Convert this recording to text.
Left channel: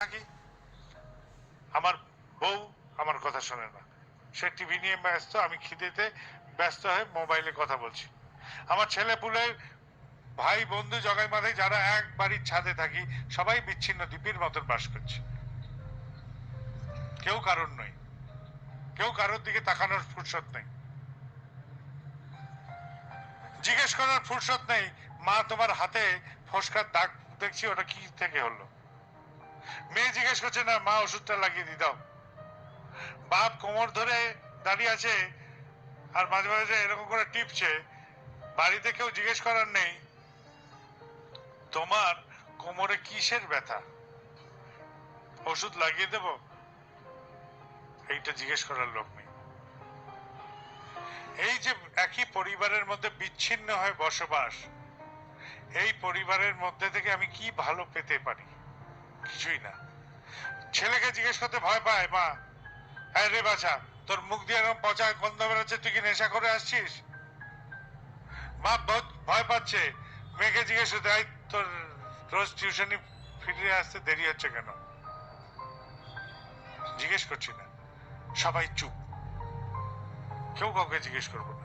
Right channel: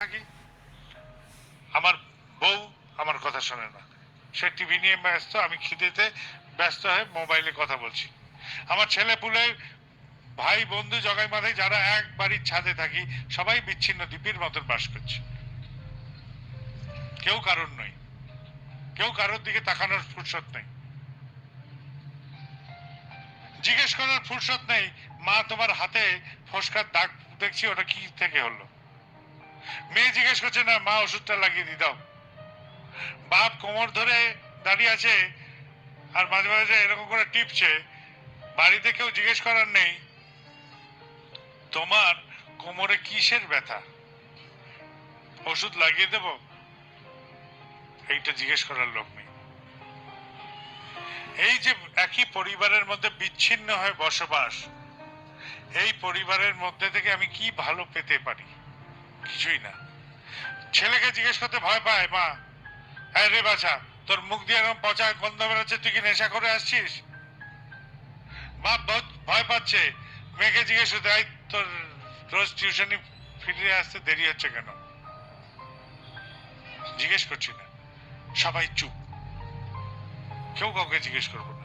থাকি, আমার বউ আমার কথা শোনে না, সে টিভি নিয়ে ব্যস্ত, আমি খিদেতে ব্যস্ত হয়ে মোবাইলে কথা বলছি। আমার ছেলে পুলে ভাই বন্ধু জগাই মাথায় যারা এক বাড়ির ছাদে থাকি, সবাই বিচ্ছিন্ন দ্বীপের মতন বাস করছে। কেউ কারোর নয়, কেউ কারোর দিকে তাকানোর ফুরসত নেই, জিজ্ঞেস করার ফুরসত নেই। মা, তোমার হাতে ফোসকার দাগ দেখছি, ওটা কি থেকে হলো? মেয়ে জিজ্ঞেস করছে, না মা ওষুধটা লাগিয়ে দি দাও। বাপ কোমর ধরে দাঁড়িয়ে আছে আর মাঝে মাঝে এরকম করে টিপছে। বাড়িতে কেউ জিজ্ঞেস করার নেই, তোমার কোমরে কিসের ব্যথা, ওষুধ লাগিয়ে দেব, এইটা জিজ্ঞেস করার লোক নেই। এই যে একই পরিবারের মধ্যে বিচ্ছিন্ন হয়ে বসবাস, এই পরিবারের মধ্যে থেকে আমি কি ভালো পেতে পারি? কিছুই না। ছেলেকে জিজ্ঞেস করতে ভয় পায় মা, হ্যাঁ রে বাছা, তোর মুখ দিয়ে এরকম পচা গন্ধ বেরোচ্ছে, তুই কি নেশা করে আসছিস? বাপ ভয় পাচ্ছে, মেয়েকে জিজ্ঞেস করতে, এই তোর রোজ টিউশনি ফিরে আসতে দেরি হচ্ছে কেন? জিজ্ঞেস করছি না, সবাই চুপ, কেউ কাউকে জিজ্ঞেস করবো না।